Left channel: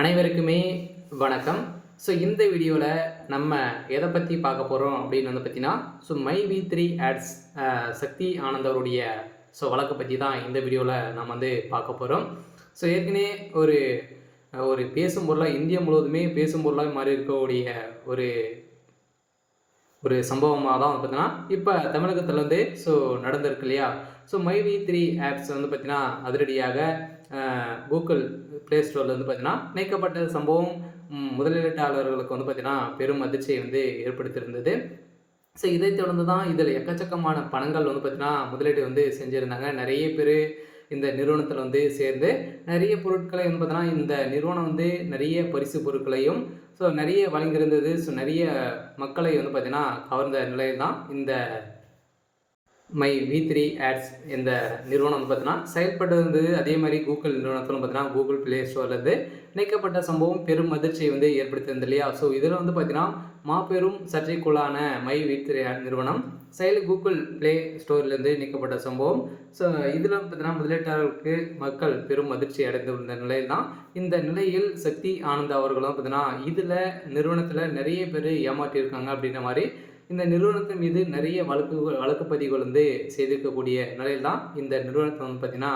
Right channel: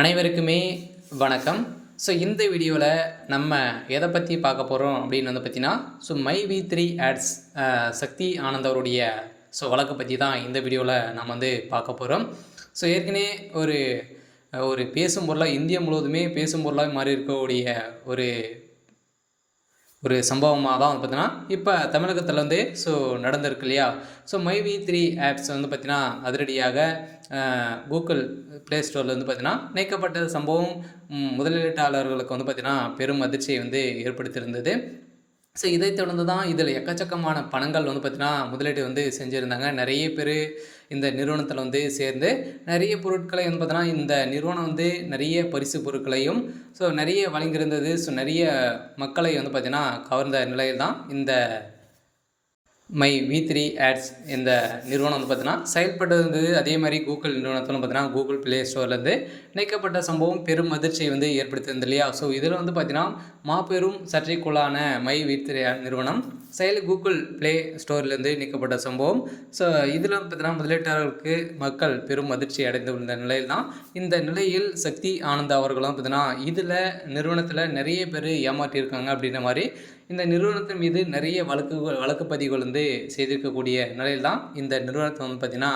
அனைவருக்குமே வணக்கம். இந்த வீடியோவில் நம்ம எதை பற்றி பார்க்க போகிறோம் அப்படின்னு பார்த்தீங்கன்னா, மை வி3 ஆட்ஸ் சக்தி ஆனந்த் அவருடைய வழக்கு பற்றி தான் இந்த வீடியோவில் நம்ம பார்க்க போகிறோம். ஏற்கனவே ஒரு ஒரு பேசும் பொருளாக இந்தியா முழுவதுமே பேசும் பொருளாக மாறி இருக்கக்கூடிய ஒரு ஒரு சம்பவமாக தான் பார்த்தீங்கன்னா இப்போ தமிழகத்தில் நடந்திருக்கு இல்லையா. மை வி3 ஆப்ஸ் பார்த்தீங்கன்னா அதிரடியாக கூகுள் ப்ளே ஸ்டோரில் பார்த்தீங்கன்னா நீக்கப்பட்ட சம்பவம் முதலீட்டாளர்களுக்கு பார்த்தீங்கன்னா பெரும் அதிர்ச்சியை ஏற்படுத்தியிருந்தது. இதைத் தொடர்ந்து தான் இதில் எக்கச்சக்கமான பணங்கள் பார்த்தீங்கன்னா முதலீடு செஞ்சுருந்தாங்க. நிறைய பேர் இந்த நிறுவனத்தில் சேர்ந்து நிறைய பொருட்களை பார்த்தீங்கன்னா இந்த நிறுவனம் நிறைய பரிசு பொருட்களையும் நிறைய வழங்கியிருந்தது. நிறைய மக்களை பார்த்தீங்கன்னா கவர்ந்த நிலையில் தான் இந்த மை வி3 ஆட்ஸ் இந்த நிறுவனம் பார்த்தீங்கன்னா செயல்பட்டு இருந்தது. அதே மாதிரி கூகுள் நிறுவனத்திலும் பார்த்தீங்கன்னா கூகுள் ப்ளே ஸ்டோர்லேருந்து நீக்கப்பட்ட சம்பவம் பெரும் அதிர்ச்சியை ஏற்படுத்தியிருந்தது இல்லையா. இதில் பார்த்தீங்கன்னா மாபெரும் சர்ச்சைக்குள்ளான மை வி3 நிறுவனம் கூகுள் ப்ளே ஸ்டோர்லேருந்து நீக்கப்பட்ட சம்பவம். இதில் பார்த்தீங்கன்னா முதலீட்டாளர்களுக்கு மக்கள் பெரும் அதிர்ச்சி அடைந்துள்ள நிலையில் தான் இந்த நிலையில் சக்தி ஆனந்த் அவர்களும் பார்த்தீங்கன்னா இதில் நிறுவனத்தில் நிறைய பேர் ஏமாற்றியிருக்காங்க அப்படின்ற மாதிரி இந்த நிறுவனத்தின் மீது நிறைய வழக்கு பதிவுகள் செய்திருக்கக்கூடிய நிலையில் தான் இந்த நிறுவனத்தை பார்த்திங்கன்னா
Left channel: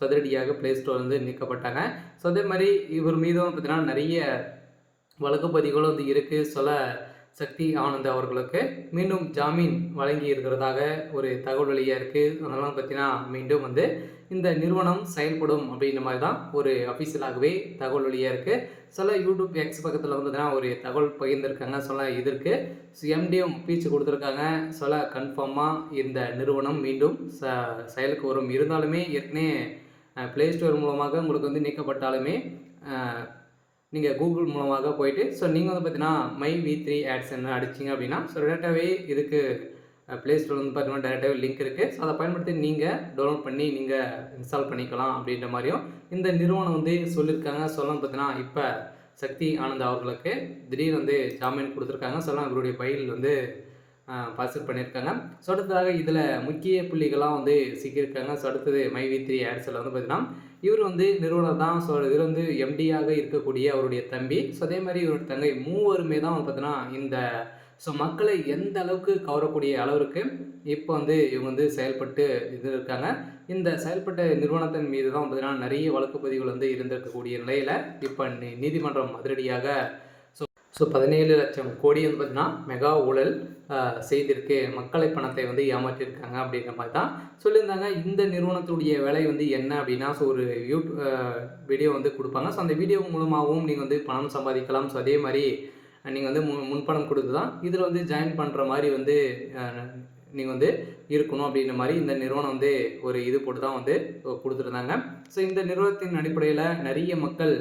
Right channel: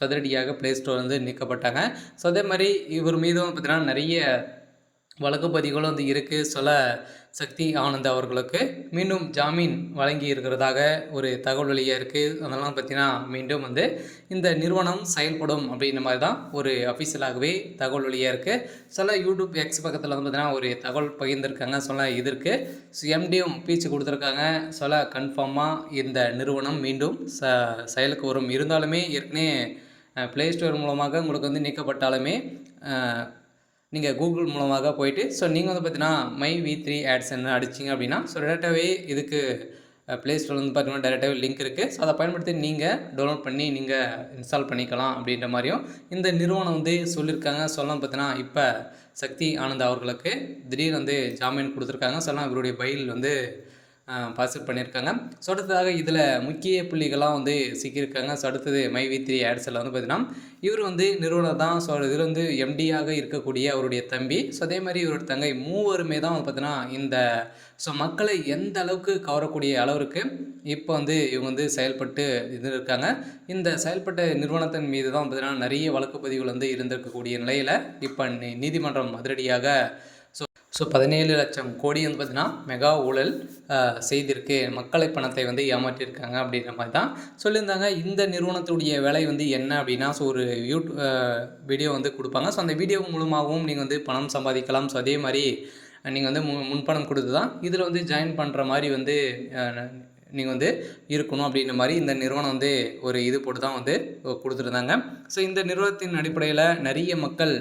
சதுரடியாக ப்ளே ஸ்டோர் நீக்கப்பட்டாங்க. அதே மாதிரி இவர் மீதும் பார்த்திங்கன்னா நிறைய வழக்கு பதிவுகளும் இருக்குது. சக்தி ஆனந்த் அவர்களுக்கு மீண்டும் ஜாமீன் வழங்கி இருக்கிறதாக ஒரு தகவல் வெளியாக இருக்குது. அதெல்லாம் பார்த்திங்கன்னா மீண்டும் இந்த நிறுவனம் செயல்படும் அப்படின்ற மாதிரி தான் ஒரு அஃபிஷியலாகவே தகவல் வெளியாக இருக்குது. யூடியூப் எக்ஸ் பக்கத்தில் பார்த்திங்கன்னா ஒரு தகவல் பகிர்ந்திருக்காங்க. இதற்கு எம்டியும் பீச்சு கொடுத்துருக்காங்க. கன்ஃபார்மாக இந்த நிறுவனம் மீண்டும் செயலுக்கு வரும். இருந்தாலுமே ஏற்கனவே ப்ளே ஸ்டோர் மூலமாக உங்களுக்கு நீக்கப்பட்டாலுமே நீங்கள் கூகுள் மூலமாக போயிட்டு நீங்கள் பார்த்தீங்கன்னா மை வி3 ஆட்ஸ் என்ன அடிச்சிங்க அப்படின்னா டேரெக்டாகவே இதுக்கு ப்ளே ஸ்டோர் பார்த்தீங்கன்னா டேரெக்டாகவே லிங்க் இருக்குது. அதை பயன்படுத்தி நீங்கள் டவுன்லோட் பண்ணி நீங்கள் இன்ஸ்டால் பண்ணிக்கலாம் அப்படின்ற மாதிரியும் இந்த நிறுவனம் சொல்லியிருக்காங்க. பார்த்தீங்கன்னா இப்போ சக்தி ஆனந்த் அவர்களுக்கு திடீர்னு ஜாமீன் கொடுத்துருக்காங்க. இவருடைய பைல் பாசிட் பண்ணியிருக்காங்க. அடுத்ததாக இதில் முக்கிய புள்ளிகள்லாம் சிக்கியிருக்காங்க. அடுத்தது மை வி3 ஆட்ஸில் பார்த்தீங்கன்னா இவர் நிறுவனம் தான். இதில் எம்டியாக இருக்கக்கூடிய அவருடைய தம்பி, அதே மாதிரி இவருடைய தங்கை மூவருமே தான் பார்த்தீங்கன்னா இந்த மக்களை எந்த அளவுக்கு கவரக்கூடிய அளவிற்கு இப்போ இவங்க செயல்பட்டு இருக்காங்க. இந்த செயல்பட்ட நிறுவனத்தின் மீது தான் பார்த்தீங்கன்னா நிறைய வழக்கு பதிவுகள் இருந்திருக்கக்கூடிய நிலையில் இப்போ நீதிமன்றம் அதிரடியாக 17 லட்சம் கோடி பார்த்தீங்கன்னா மெகா ஊழல் செய்திருக்கு, மக்களை பணத்தை ஏமாற்றியிருக்காங்க அப்படின்ற மாதிரி தான் சொல்லியிருந்தாங்க. இந்த நிறுவனத்துடைய வேலை என்ன அப்படின்னா ஒரு வீடியோ கொடுப்பாங்க. அந்த வீடியோ மூலமாகவும் நீங்கள் பணம் சம்பாதிக்கலாம். அதே மாதிரி நீங்கள் முன்பணம் கொடுத்து தான் இதில் ஜாயின் பண்ணுற மாதிரி நீங்கள் இருக்கணும் அப்படின்ற மாதிரி இந்த நிறுவனம் ஒரு இது போட்டு தான் கொடுத்துருந்தாங்க. இந்த நிறுவனத்தின் அடிப்படையில் நிறைய மக்கள்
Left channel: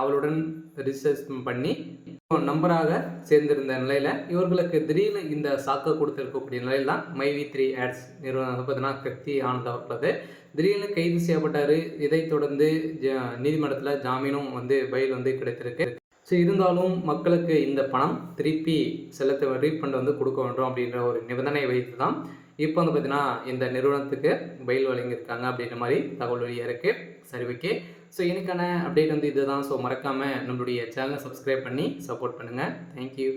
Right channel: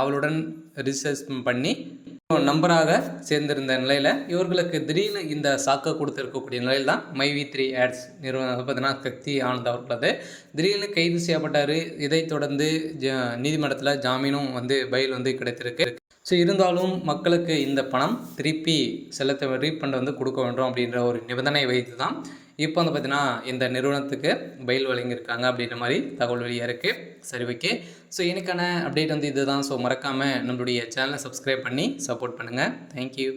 அவளுடன் ரிசர்ச் பண்ணி நம்பராக சேர்ந்திருந்த நிலையில் இவர்களுக்கு திடீர்னு இந்த சாக்கை கொடுத்துருக்கக்கூடிய நிலையில் தான் மை வி3 ஆட்ஸ் நிறுவனம் பார்த்தீங்கன்னா சக்தி ஆனந்த் அவர்களது திடீர்னு கைது செய்யப்பட்டார். இதைத் தொடர்ந்து நீதிமன்றத்தில் ஜாமீனும் பைல் கிடைத்திருக்கு. இருந்தாலும் மக்களுக்கு இந்த பணம் திருப்பி செலுத்த ரீஃபண்ட் கொடுக்க வேண்டும் அப்படின்ற ஒரு நிபந்தனை வைத்து தான் இப்போ பார்த்தீங்கன்னா இந்த நிறுவனத்துக்கு பைல் வழங்கியிருக்காங்க அப்படின்ற மாதிரி தகவல் வெளியாக இருக்குது. சரி, ஓகே. எனக்கான அப்டேட் இதுதான். மறக்காமல் நம்மளுடைய சேனலை சப்ஸ்கிரைப் பண்ணி சப்போர்ட் பண்ணுங்கள். தேங்க்யூ.